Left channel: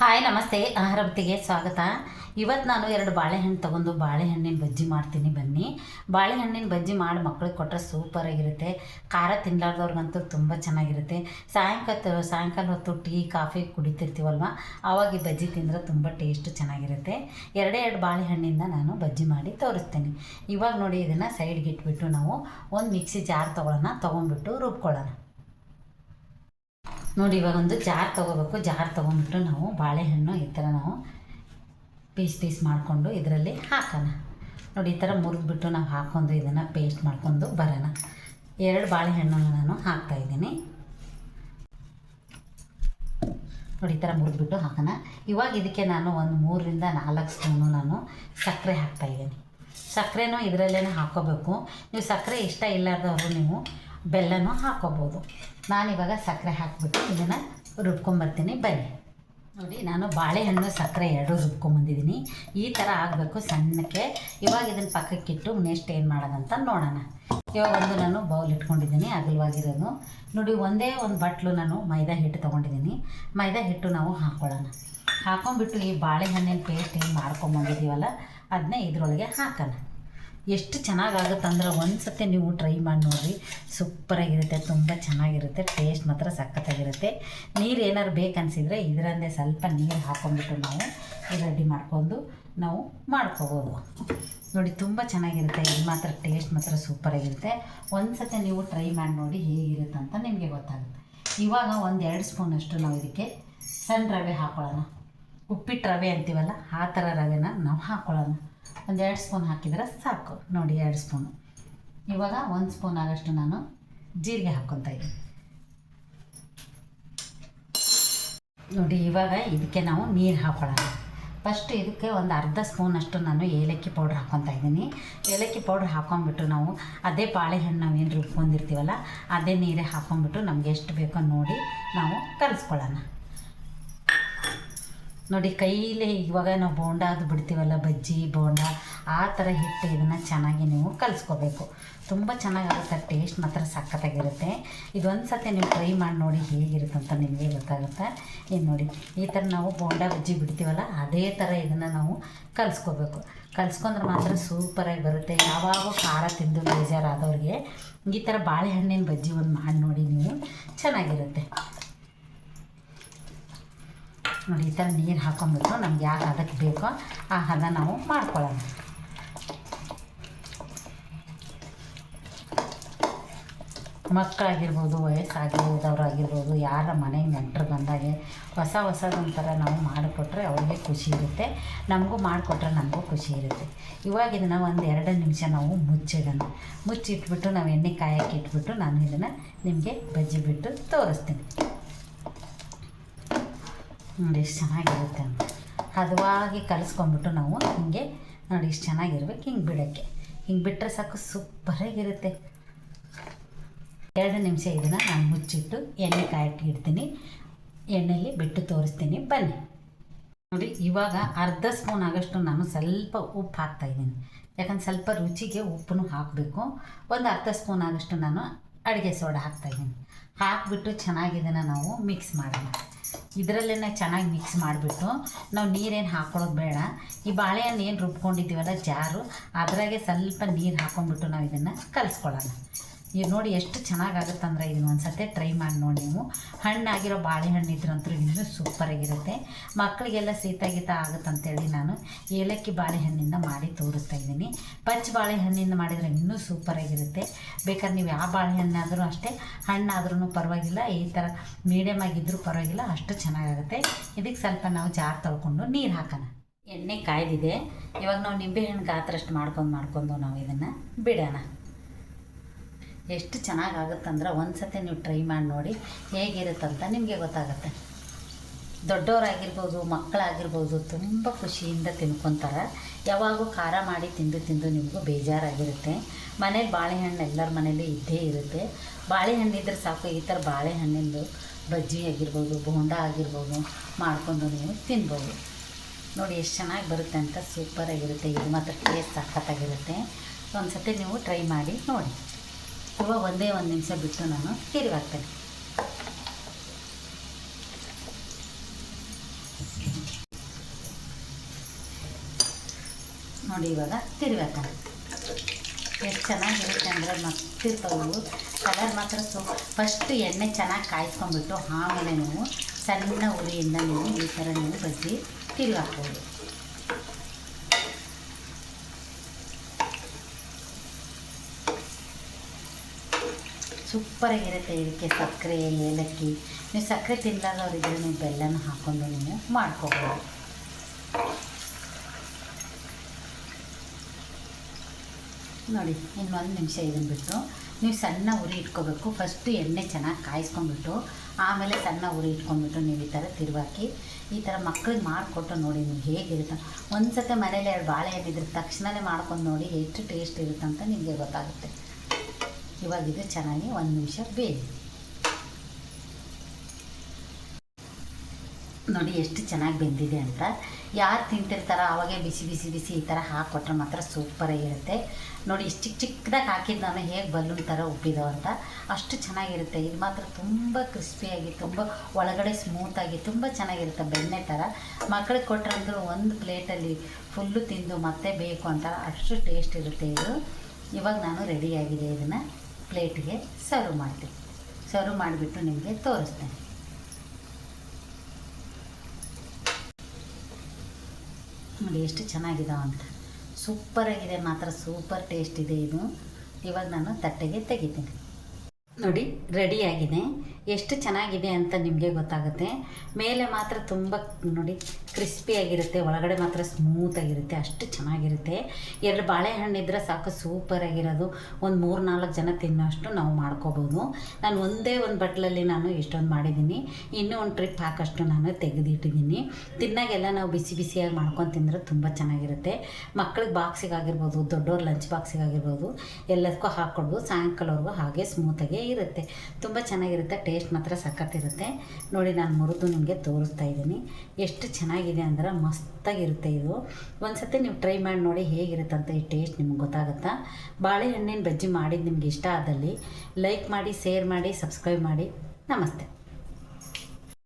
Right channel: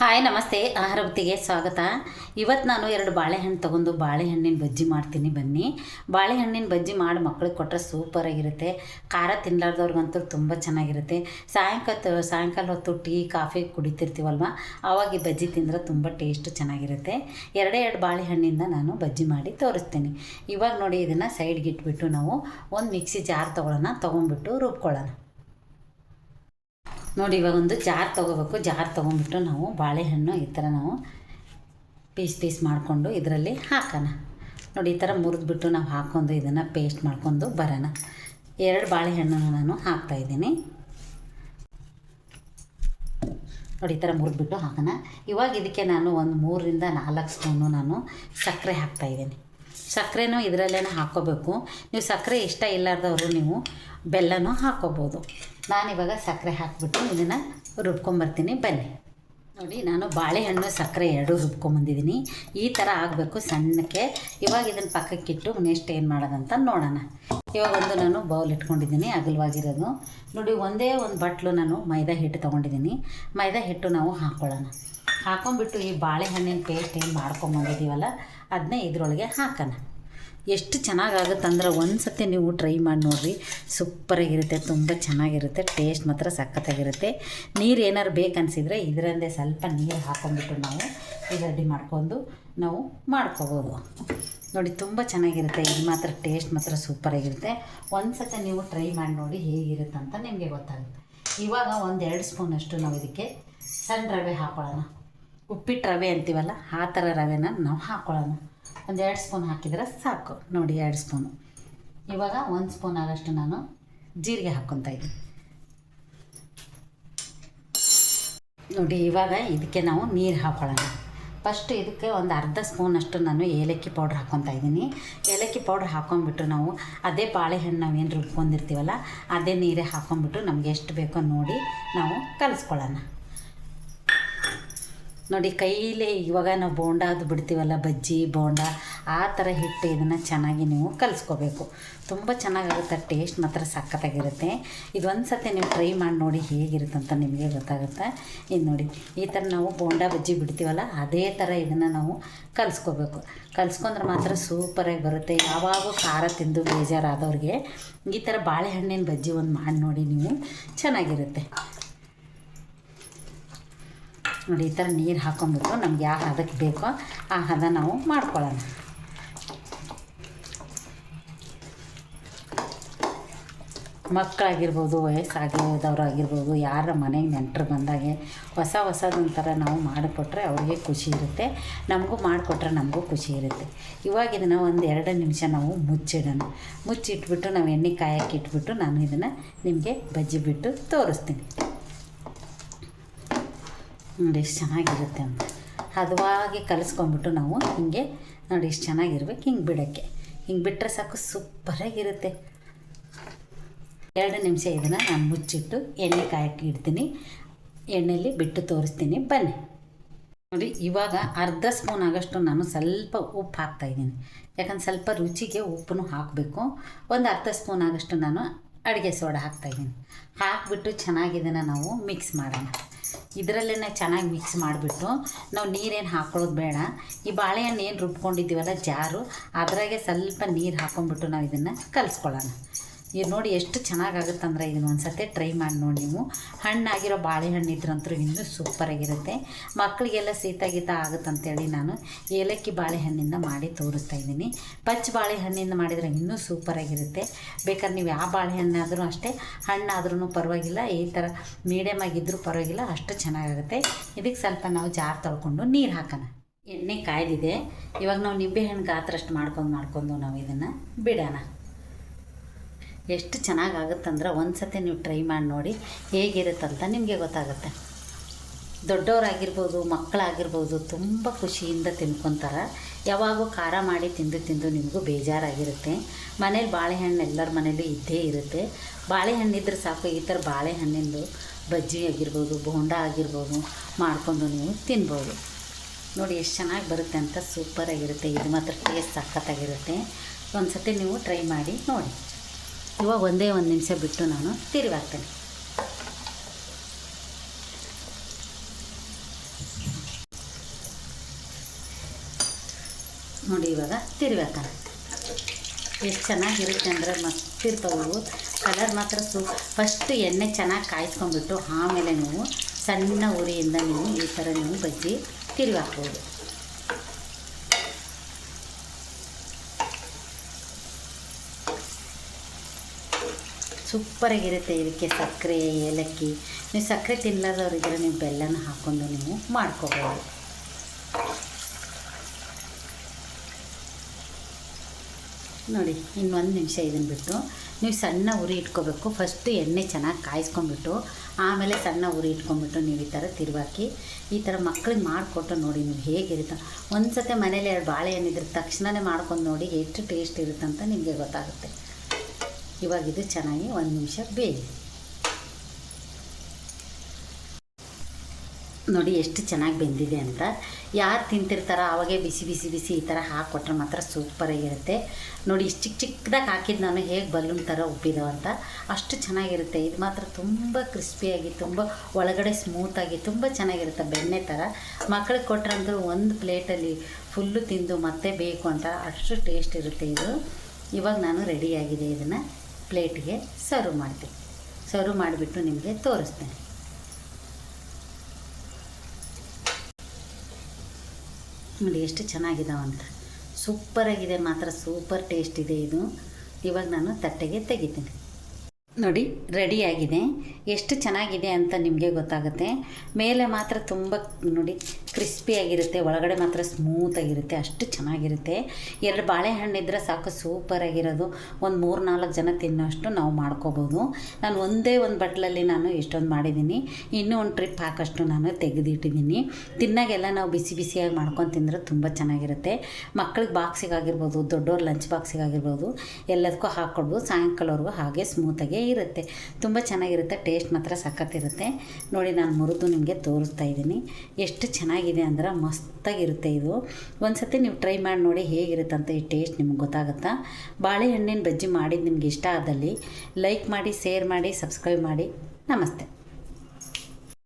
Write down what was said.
Hi ನಮಸ್ತೆ, ಆಹಾರ ಬುತ್ತಿಗೆ ಸ್ವಾಗತ. ಇವತ್ತು ನಾನು 2 ಬಾಳೆಹಣ್ಣು ತೊಗೊಂಡು ಬಾಳೆಹಣ್ಣಿನ ಬಜ್ಜಿ ಮಾಡ್ತೀನಿ. ಬನ್ನಿ, ಬಾಳೆಹಣ್ಣಿನ ಬಜ್ಜಿ ಮಾಡಿ ಮಕ್ಳಿಗೆ ಕೊಟ್ಟರೆ ಸೂಪರಾಗಿರುತ್ತೆ. ಖಾರ ತಿನ್ನಲಾರ್ದವ್ರಿಗಂತೂ ತುಂಬ ಚೆನ್ನಾಗಿರುತ್ತೆ. ಸಾಯಂಕಾಲ ಹೊತ್ತು ಟೀ ಕಾಫಿ ಕುಡಿತಿರ್ತೀವಲ್ವ, ಆವಾಗ ಈ ಬಜ್ಜಿ ತಿಂದರೆ ತುಂಬ ಟೇಸ್ಟು ಚೆನ್ನಾಗಿರುತ್ತೆ. 2 ಬಾಳೆಹಣ್ಣಿಂದ ನಾನು ಬಜ್ಜಿ ಮಾಡಿ ತೋರಿಸ್ತೀನಿ. ಇವಾಗ ನೋಡಿ, ಇದನ್ನು ಸೈಡ್ಗೆ ಇಟ್ಬಿಟ್ಟು ನಾವು ಒಂದು ಮಿಕ್ಸಿ ಜಾರ್ ತೊಗೊಂಡ್ಬಿಟ್ಟು ರುಬ್ಕೊಳ್ಳೋಣ. ನೋಡಿ, ಇವಾಗ ಒಂದು ಜಾರ್ ತೊಗೋಬೇಕು. ಜಾರ್ ತೊಗೊಂಡ್ಬಿಟ್ಟು ನಾವು ಬಾಳೆಹಣ್ಣು ಈ ಥರ ನಾವು ಪೀಸ್ ಮಾಡಿಕೊಂಡು ಇದರಲ್ಲಿ ಹಾಕೋಣ. ನೋಡಿ, ಈ ಥರ ಮುರಿದ್ಬಿಟ್ಟು ನಾವು ಹಾಕ್ಕೊಂಡು ಇದನ್ನು ಪೇಸ್ಟ್ ಮಾಡ್ಕೊಂಡು ಬರೋಣ. 2 ಬಾಳೆಹಣ್ಣನ್ನು ನಾನು ಹಾಕ್ತಾಯಿದ್ದೀನಿ. ನೋಡಿ, ಈ ಥರ ಮುರಿದ್ಬಿಟ್ಟು ಹಾಕೋಣ. ಇವಾಗ ಇದಕ್ಕೆ ನಾನು ಒಂದು 3 ರಿಂದ 4 ಸ್ಪೂನು ನಾನು ಸಕ್ಕರೆ ಹಾಕ್ತಾಯಿದ್ದೀನಿ. ಸಕ್ಕರೆನೂ ಇದರಲ್ಲೇ ಹಾಕ್ಕೋಬೇಕು. ನೀವು ಸಕ್ಕರೆ ಇಷ್ಟ ಇಲ್ಲಾರ್ದವರು ನೀವು ಬೆಲ್ಲನೂ ಹಾಕ್ಕೋಬೋದು. ನಾನಿವಾಗ ಸಕ್ಕರೆ ಹಾಕ್ಬಿಟ್ಟು ಇದನ್ನು ರುಬ್ಕೊಂಬರ್ತೀನಿ. ಬನ್ನಿ. ನೋಡಿ, ನಾನು ಬಾಳೆಹಣ್ಣು ಸಕ್ಕರೆ 2 ರುಬ್ಕೊಂಬಂದಿದ್ದೀನಿ. ಈ ಥರ ಆಗಬೇಕು ಸಣ್ಣಕ್ಕೆ. ಇವಾಗ ಇದನ್ನು ಪಕ್ಕಕ್ಕಿಟ್ಟು ನೆಕ್ಸ್ಟ್ ಏನು ಮಾಡೋದಂತ ನೋಡೋಣ. ಇವಾಗ ನಾನು ಬೌಲ್ ಇಟ್ಕೊಂಡಿದ್ದೀನಿ, ಅಗಲವಾಗಿರೋದು. ನೋಡಿ, ಒಂದೇ ಒಂದು ಬಟ್ಲು ನಾನು ಮೈದಾ ಹಿಟ್ಟು ತೊಗೊಂಡಿದ್ದೀನಿ. ಮೈದಾ ಹಿಟ್ಟು ನಾವು ಹಾಕ್ಕೊಳ್ಳೋಣ. ಹಾಕ್ಕೊಂಡ್ಬಿಟ್ಟು ಈ ಬಾಳೆಹಣ್ಣಿನ ಪೇಸ್ಟ್ ಏನು ಮಾಡ್ಕೊಂಬಂದಿದ್ದೀವಲ್ಲ ಅದನ್ನೇ ಇದರೊಳಗೆ ಹಾಕೋಣ. ಎಷ್ಟು ಚೆನ್ನಾಗಾಗುತ್ತಂದ್ರೆ ಒಂದು ಸತಿ ನೀವು ಟ್ರೈ ಮಾಡಿ ನೋಡಿರಿ, ಸೂಪರಾಗಿರುತ್ತೆ, ತುಂಬ ಚೆನ್ನಾಗಿರುತ್ತೆ. ಟೇಸ್ಟ್ ಮಾತ್ರ ಸಖತ್ತಾಗಿರುತ್ತೆ. ನೀರು ಏನಾರು ಬೇಕನ್ಸಿದ್ರೆ ಇದರಲ್ಲೇ ಸ್ವಲ್ಪ ನೀರು ಹಾಕ್ಕೊಂಡ್ಬಿಟ್ಟು ನಾವು ಇದು ರೆಡಿ ಮಾಡ್ಕೊಂಡು ನಾವು ಮಾಡ್ಕೋಬೋದು. ನೋಡಿ, ತುಂಬ ಚೆನ್ನಾಗಿರುತ್ತೆ. ಇದು ಮಾತ್ರ ಟೇಸ್ಟ್ ಮಾತ್ರ ಸೂಪರಾಗಿರುತ್ತೆ. ಒಂದು ಸತಿ ನೀವು ಟ್ರೈ ಮಾಡಿ ನೋಡಿ ಹೇಗಿರುತ್ತೆ ಅಂತ ನಿಮಗೆ ಗೊತ್ತಾಗುತ್ತೆ. ಇವಾಗ ಒಂದು 2 ಸ್ಪೂನಷ್ಟು ನಾವು ಇದಕ್ಕೆ ಸಣ್ಣ ರವೆ ಹಾಕೊಳ್ಳೋಣ. ಉಪ್ಪಿಟ್ಟು ರವೆ ಅಂತೀವಲ್ಲ, ಆ ಥರ ರವೆನ ನಾವು ಹಾಕ್ಕೊಳ್ಳೋಣ. ಒಂದು 2 ಸ್ಪೂನ್ ಹಾಕಿದರೆ ಸಾಕು. ನೋಡಿ, 2 ಸ್ಪೂನು. ಇವಾಗ 1 ಸ್ಪೂನ್ ಆಗೋಷ್ಟು ನಾನು ಜೀರಿಗೆ ಹಾಕ್ಕೊತಾ ಇದ್ದೀನಿ. ನೋಡಿ, ಇವಾಗ ಇದಕ್ಕೆ ನಾವು ನೀರು ಹಾಕ್ಕೊಳ್ಳೋಣ. ಫಸ್ಟ್ ಇದಕ್ಕೆ ಒಂದು ಅರ್ಧ ಸ್ಪೂನಷ್ಟು ನಾನು ಏಲಕ್ಕಿ ಪೌಡ್ರ್ ಹಾಕ್ಕೊತಾ ಇದ್ದೀನಿ. ಏಲಕ್ಕಿ ಪೌಡ್ರ್ ಹಾಕ್ಕೊಂಬಿಟ್ಟು ನಾವು ಅದೇ ಬಾಳೆಹಣ್ಣು ನಾವು ಏನು ರುಬ್ಕೊಂಡಿರ್ತೀವಲ್ಲ ಅದೇ ನೀರೇ ಹಾಕ್ಕೊಂಬಿಟ್ಟು ನಮ್ಗೆ ಎಷ್ಟು ಬೇಕೋ ನೋಡಿ ನಾವು ಕಲಿಸ್ಕೊಳ್ಳೋಣ. ನೋಡಿ, ಕೈಲೇ ಇವಾಗ ನಾವು ಬೋಂಡ ಅದು ಬಿಡ್ತೀವಲ್ಲ, ಬಜ್ಜಿ ಬೋಂಡ ಆ ಥರ ಹಿಟ್ಟು ಇದನ್ನು ಚೆನ್ನಾಗಿ ನೀವು ಕಲಿಸ್ಕೋಬೇಕು. ತುಂಬ ಚೆನ್ನಾಗಾಗುತ್ತೆ. ಟೇಸ್ಟ್ ಮಾತ್ರ ಸಖತ್ತಾಗಿರುತ್ತೆ. ಇದೊಂದು ಸತಿ ನೀವು ಟ್ರೈ ಮಾಡಿ ನೋಡಿ ಹೇಗಿರುತ್ತೆ ಅಂತ ನಿಮಗೆ ಗೊತ್ತಾಗುತ್ತೆ. ಇದು ನೋಡಿ, ಈ ಥರ ನಾವು ಬೋಂಡ ಬಜ್ಜಿ ಬಿಡ್ತೀವಲ್ಲ ಅದೇ ಥರ ಇದನ್ನು ನಾವು ಕಲಿಸ್ಕೋಬೇಕು. ಕಲಿಸ್ಕೊಂಡ್ರೆ ಮಾತ್ರ ಸೂಪರಾಗಿ ಬರುತ್ತೆ. ಯಾವಾಗೂ ಖಾರ ತಿಂದು ಬೇಜಾರಾದವ್ರಿಗೆ ಈ ಥರ ಬಾಳೆಹಣ್ಣಿನ ಬಜ್ಜಿ ಒಂದು ಮಾಡಿ ನೋಡಿ, ನೀವು ಚೆನ್ನಾಗಿರುತ್ತೆ. ನೋಡಿ, ಈ ಥರ ನೀರು ಹಾಕ್ಕೊಂಬಿಟ್ಟು ನಮ್ಗೆ ಯಾವ ಹದಕ್ಕೆ ಬೇಕೋ ಆ ಹದ ನಾವು ಮಾಡ್ಕೊಳ್ಳೋಣ. ಮಕ್ಕಳಾಗಿರ್ಬೋದು, ವಯಸ್ಸಾಗಿರೋದವ್ರಾಗಿರ್ಬೋದು, ಯಾರ ಮನೆಗೆ ನೆಂಟರು ಬಂದಾಗೆ ಹೊಸದೊಂಥರ ನಾವು ಮಾಡಿಕೊಟ್ರೆ ಅವ್ರಿಗೆ ಖುಷಿ ಇರುತ್ತೆ, ನಮಗೂ ಮಾಡಿಕೊಟ್ರೆ ನಮಗೂ ಖುಷಿ ಇರುತ್ತೆ. ಇವಾಗ ಇದನ್ನು ಒಂದು 2 ನಿಮಿಷ ನಾವು ಮುಚ್ಚಿಡೋಣ. ಮುಚ್ಚಿಟ್ಬಿಟ್ಟು ನಾವು ಎಣ್ಣೆ ಕಾಯಕ್ಕೆ ಇಟ್ಬಿಟ್ಟು ನಾನು ಇದನ್ನು ನಿಮಗೆ ಬಜ್ಜಿ ಬಿಟ್ಟು ತೋರಿಸ್ತೀನಿ. ನೋಡಿ, ಎಷ್ಟು ಚೆನ್ನಾಗಿರುತ್ತೆ ಅಂತ. ಹದವಾಗಿ ಕಲಿಸ್ಕೊಂಬಿಟ್ಟು ನಾವು ಹಿಂಗೆ ನೋಡಿ, ಇಷ್ಟು ಚೆನ್ನಾಗಿರ್ಬೇಕು. ಹಿಂಗೆ ಬಿಡೋಕ್ಕೆ, ಹಿಂಗೆ ಬಿಟ್ಟರೆ ಸಾಕು, ಸೂಪರಾಗಿರುತ್ತೆ. 2 ನಿಮಿಷ ಇದನ್ನು ನಾನು ಮುಚ್ಚಿಟ್ಟು ಎಣ್ಣೆ ಕಾಯಕ್ಕೆ ಇಡ್ತೀನಿ. ಎಣ್ಣೆಯಲ್ಲಿ ಬಿಟ್ಟು ತೋರಿಸ್ತೀನಿ. ಬನ್ನಿ. ನೋಡಿ, ಇವಾಗ ಅರ್ಧ ಸ್ಪೂನ್ ಆಗೋಷ್ಟು ನಾನು ಸ್ವಲ್ಪ ಉಪ್ಪು ಹಾಕ್ತಾಯಿದ್ದೀನಿ. ಯಾಕಂದ್ರೆ ಸ್ವಲ್ಪ ರುಚಿಗೆ ಉಪ್ಪನ್ನು ಹಾಕಬೇಕು. ಒಂದು ಅರ್ಧ ಸ್ಪೂನ್ ಆಗೋಷ್ಟು ನಾನು ಅಡುಗೆ ಸೋಡಾ ಹಾಕ್ತಾಯಿದ್ದೀನಿ. ಹಾಕಿಬಿಟ್ಟು ಚೆನ್ನಾಗಿದನ್ನು ನಾವು ಮಿಕ್ಸ್ ಮಾಡೋಣ. ಇದರಲ್ಲೇ ಚೆನ್ನಾಗಿ ಮಿಕ್ಸ್ ಮಾಡಿಬಿಟ್ಟು ನಾವು ನೀರೇನು ಹಾಕ್ಕೊಳ್ಳೋದು ಬೇಡ. ಈ ಬಾಳೆಹಣ್ಣು ಏನು ರುಬ್ಕೊಂಡಿದ್ದೀವಲ್ಲ ಜಾರು, ಅದರಾಗೆ ಸ್ವಲ್ಪ ನೀರು ಹಾಕ್ಕೊಂಬಿಟ್ಟು ನಾವು ಇದನ್ನು ಕಲಿಸ್ಕೊಳ್ಳೋಣ. ಇದು ನೋಡಿ, ಎಷ್ಟು ಚೆನ್ನಾಗಾಗುತ್ತೆ ಅಂದರೆ ಇದನ್ನು ಒಂದು ಸತಿ ಟ್ರೈ ಮಾಡಿ ನೋಡಿ ನೀವು. ಹಣ್ಣಾಗಿರೋ ಬಾಳೆಹಣ್ಣು ಇದ್ರಂತೂ ಇನ್ನೂ ಸೂಪರಾಗಿರುತ್ತೆ. ಮಕ್ಕಳಿಗೆಲ್ಲ ಶೀತ ಆಗುತ್ತಂತೇಳಿ ನಾನು ಏಲಕ್ಕಿ ಬಾಳೆಹಣ್ಣಿಂದ ಮಾಡಿ ತೋರಿಸ್ತಾ ಇದ್ದೀನಿ. ಪಚ್ಚ ಬಾಳೆಹಣ್ಣಿಂದ ಮಾಡಿದರೆ ಇನ್ನೂ ಸೂಪರಾಗಿರುತ್ತೆ. ಬೇಕಾದ್ರೆ ನೀವು ಯಾವ ಬಾಳೆಹಣ್ಣಾದರೂ ಅಷ್ಟೇ, ಹಣ್ಣಾದ್ರೂ ಪರವಾಗಿಲ್ಲ, ಈ ಥರ ಮೀಡಿಯಮ್ ಆಗಿದ್ದರೂ ಪರವಾಗಿಲ್ಲ, ಅಷ್ಟು ಚೆನ್ನಾಗಾಗುತ್ತೆ. ಇದಕ್ಕೆ ಸ್ವಲ್ಪ ನಾವು ಜಾರ್ ತೊಳ್ಕೊಂಡು ನೀರು ಹಾಕೋಣ. ಎಣ್ಣೆ ಕಾಯ್ದಿದೆ. ಇವಾಗ ನಾವು ನಿಂಬೆಹಣ್ಣು ಗಾತ್ರಷ್ಟು ಮಾಡ್ಕೊಂಡು ನಾವು ಇದನ್ನು ಬಿಡೋಣ. ಎಷ್ಟು ಚೆನ್ನಾಗಾಗುತ್ತಂದ್ರೆ ಒಂದು ಸತಿ ನೀವು ಟ್ರೈ ಮಾಡಿ ನೋಡಿ ಹೇಗಿರುತ್ತಂತ ನಿಮಗೆ ಗೊತ್ತಾಗುತ್ತೆ. ದೊಡ್ಡವರಾಗಿರ್ಬೋದು, ಮಕ್ಕಳಾಗಿರ್ಬೋದು ತುಂಬ ಖುಷಿಯಿಂದ ತಿನ್ಕೊತಾರೆ. ಯಾವಾಗೂ ಖಾರ ಮಾಡಿ ತಿಂದು ನಿಮಗೂ ಬೇಜಾರಾಗಿರುತ್ತೆ. ಮನೇಲಿ ಬಾಳೆಹಣ್ಣು ಎಲ್ಲರ ಮನೇಲಿ ಇದ್ದೇ ಇರುತ್ತೆ. ಬಾಳೆಹಣ್ಣಿದ್ರೆ ಸಾಕು, ಈ ಥರ ಬಾಳೆಹಣ್ಣಿಂದು ಬಜ್ಜಿ ಆಗಿರ್ಬೋದು, ಬೋಂಡ ಆಗಿರ್ಬೋದು ಮಾಡ್ಕೊಂಡು ನೀವು ತಿನ್ಬೋದು. ನೋಡಿ, ಎಷ್ಟು ಚೆನ್ನಾಗಿ ಬರುತ್ತೆ ಅಂತ, ಸೂಪರಾಗಿರುತ್ತೆ. ಇದು ಮಾತ್ರ ಟೇಸ್ಟ್ ಸಖತ್ತಾಗಿರುತ್ತೆ. ಒಂದು ಸತಿ ನೀವು ಟ್ರೈ ಮಾಡಿ ನೋಡಿ. ಇವಾಗ ಒಂದೇ 1 ನಿಮಿಷ ಬಿಟ್ಟು ನಾನು ತಿರುಗಾಕ್ತೇನೆ. ನೋಡಿ ಇವಾಗ ತಿರ್ಬೇಕಾರೆ ಎಷ್ಟು ಚೆನ್ನಾಗಿರುತ್ತೆ ಅಂದರೆ ಮತ್ತಿರ್ತಾವು ಕಲರ್ ಮಾತ್ರ ಫಸ್ಟ್ ಎಣ್ಣೆ ಚೆನ್ನಾಗಿ ಕಾಯಿಸ್ಕೊಂಡ್ಬಿಟ್ಟು ಆಮೇಲೆ ನೀವು ಸಣ್ಣ ಉರಿಯಿಂದ ನೀವು ಈ ಥರ ನೀವು ಬಜ್ಜಿ ತಿರುವಾಕ್ಬೋದು. ಸೂಪರಾಗಿರುತ್ತೆ. ಇದಕ್ಕೆ ಸಕ್ಕರೆ ಏಲಕ್ಕಿ, ನೀವು ಸಕ್ಕರೆ ತಿನ್ನಲಾರ್ದವ್ರಿದ್ರೆ ನೀವು ಬೆಲ್ಲನ ಹಾಕ್ಕೊಂಡು ನೀವು ಮಾಡ್ಕೋಬೋದು. ನೋಡಿ ಇನ್ನೊಂದು ನಿಮಿಷ ಇದನ್ನು ಬಿಟ್ಟು ನೀವು ಸಣ್ಣ ಉರಿ ಇಟ್ಕೋಬೇಕು. ಫಸ್ಟು ಎಣ್ಣೆ ಚೆನ್ನಾಗಿ ಕಾಯಿಸ್ಕೊಂಡ್ಬಿಟ್ಟು ಆಮೇಲೆ ಸಣ್ಣ ಉರಿ ಇಟ್ಕೊಂಡ್ಬಿಟ್ಟು ನೀವು ಈ ಥರ ತಿರುವಾಕಿ ಈ ಥರ ಮಕ್ಳಿಗೆ ಮಾಡಿಕೊಟ್ಟು ನೋಡಿ ನೀವು ಹೇಗಿರುತ್ತೆ. ಒಂದು ಸತಿ ಮನೇಲಿ 2 ಬಾಳೆಹಣ್ಣು ಇದ್ರ ತಕ್ಷಣವೇ ಮಾಡ್ಕೊಂಡು ನೋಡಿ ಎಷ್ಟು ಟೇಸ್ಟ್ ಇರುತ್ತೆ ಅಂತ ನಿಮಗೆ ಗೊತ್ತಾಗುತ್ತೆ. ಇವಾಗ ಇದು ಚೆನ್ನಾಗಿ 1 ನಿಮಿಷ ಬೇಯಲಿ. ನೋಡಿ ಎಷ್ಟು ಚೆನ್ನಾಗಿ ಬೆಂದಿದೆ ಅಂತ. ಯಾರು ತಿಂತಿರ್ತಾರೋ ಅವಾಗೇ ಬಿಸಿ ಬಿಸಿ ಬಿಸಿ ಈ ಥರ ಹಾಕ್ಕೊಟ್ರೆ ಮಾತ್ರ ಸೂಪರಾಗಿರುತ್ತೆ. ನೋಡಿ ಇಷ್ಟು ಚಿಕ್ಕದಾಗಿ ಹಾಕಿದ್ದು ನಾನು ಹೇಗೆ ಬಲೂನ್ ಥರ ಉಬ್ಬಿದಾವ ಅಂತ ಅಷ್ಟು ಚೆನ್ನಾಗಿರುತ್ತೆ. ಇದು ಮಾತ್ರ ತುಂಬ ಕ್ರಿಸ್ಪಿಯಾಗಿ ತುಂಬ ಒಳಗಡೆ ಸ್ಮೂತಾಗಿ ತುಂಬ ಚೆನ್ನಾಗಿರುತ್ತೆ. ಬೆಣ್ಣೆ ಥರ ಮಕ್ಕಳಿಗೆ ಕೊಟ್ರಂದ್ರೂ ಒಂದು ಪ್ಲೇಟಲ್ಲಿ ಫುಲ್ಲು ತಿಂದು ಮತ್ತೆ ಬೇಕು ಅಂತ ಅಷ್ಟು ಟೇಸ್ಟ್ ಇರುತ್ತೆ ಇದು. ಇವಾಗ ನಾನು ರೆಡಿಯಾಗಿದೆ. ಇದನ್ನು ಪ್ಲೇಟಿಗೆ ಸರ್ವ್ ಮಾಡ್ತೀನಿ. ಸರ್ವ್ ಮಾಡಿಬಿಟ್ಟು ನಿಮಗೆ ತೋರಿಸ್ತೇನೆ. ನೋಡಿ ಎಷ್ಟು ಚೆನ್ನಾಗಿದಾವೆ ಅಂತ. ಸೂಪರಾಗಿದೆ ಮಾತ್ರ, ಸೂಪರ್ ಟೇಸ್ಟ್ ಇದೆ ಇದು. ಇವಾಗ ನಾನು ತಟ್ಟೆಗೆ ತೆಗಿತೀನಿ. ನೋಡಿ ರೆಡಿಯಾಗಿದೆ. ಎಷ್ಟು ಚೆನ್ನಾಗಿದೆ ಅಂತ ನಿಮಗೆ ಗೊತ್ತಾಗುತ್ತೆ. ಮೇಲೆ ಮಾತ್ರ ತುಂಬ ನೋಡಿ ಕ್ರಿಸ್ಪಿಯಾಗಿರುತ್ತೆ, ಒಳಗಡೆ ಮಾತ್ರ ಸ್ಮೂತಾಗಿರುತ್ತೆ, ಅಷ್ಟು ಚೆನ್ನಾಗಿರುತ್ತೆ. 2 ಬಾಳೆಹಣ್ಣಿದ್ರೆ ಸಾಕು ಸೂಪರಾಗಿರೋದು. ಒಂದು 3-4 ಜನ ತಿನ್ನೋಷ್ಟು ನಾವು ಮಾಡ್ಕೋಬೋದು. ನಾನು ಒಂದೇ ಒಂದು ಬಟ್ಲಲ್ಲಿ ನಾನು ಇಷ್ಟೊಂದು ಮಾಡಿದ್ದೀನಿ. ಇನ್ನೂ ಒಂದು ಟ್ರಿಪ್ ಹಾಕೋಷ್ಟು ನಾನು ತೆಗೆದಿಟ್ಟಿದ್ದೀನಿ. ತಿನ್ನಾಗೆಲ್ಲ ನಾವು ಬಿಸಿ ಬಿಸಿಯಾಗಿ ಮಾಡ್ಕೊಂಡು ತಿಂದರೆ ತುಂಬ ಚೆನ್ನಾಗಿರುತ್ತೆ. ಮಕ್ಳಿಗೆ ಬಾಕ್ಸಿಗಾಗಿರ್ಬೋದು, ದೊಡ್ಡವ್ರ ಲಂಚ್ ಬಾಕ್ಸಿಗಾಗಿರ್ಬೋದು, ಎಲ್ಲದಕ್ಕೂ ಹಾಕ್ಕೊಡ್ಬೋದು. ಸಾಯಂಕಾಲವರೆಗೂ ಹಾಗೆ ಸ್ಮೂತಾಗಿ ಇರುತ್ತೆ. ತುಂಬ ಚೆನ್ನಾಗಿರುತ್ತೆ. ಟೇಸ್ಟ್ ಮಾತ್ರ ಸಖತ್ತಿರುತ್ತೆ. ನೋಡಿ ನಾನು ಮುರಿದು ನಿಮಗೆ ತೋರಿಸ್ತಾ ಇದ್ದೀನಿ. ಎಷ್ಟು ಚೆನ್ನಾಗಿದೆ ಅಂದ್ರೆ ಮಸ್ತಾಗಿರುತ್ತೆ ಇದು. ಒಂದು ಸತಿ ನೀವು ಟ್ರೈ ಮಾಡಿ ನೋಡಿ ಹೇಗಿರುತ್ತೆ ಅಂತ. ಈ ಟೇಸ್ಟ್ ನಿಮ್ಗೆ ಗೊತ್ತಾಗುತ್ತಾ. ಬಾಳೆಹಣ್ಣಿನ ಬಜ್ಜಿ ಮಾಡಿದ್ದು ನಿಮ್ಗೆ ಇಷ್ಟ ಆದಲ್ಲಿ ಲೈಕ್ ಮಾಡಿ, ಶೇರ್ ಮಾಡಿ, ಸಬ್ಸ್ಕ್ರೈಬ್ ಮಾಡಿ. ನಮಸ್ತೆ.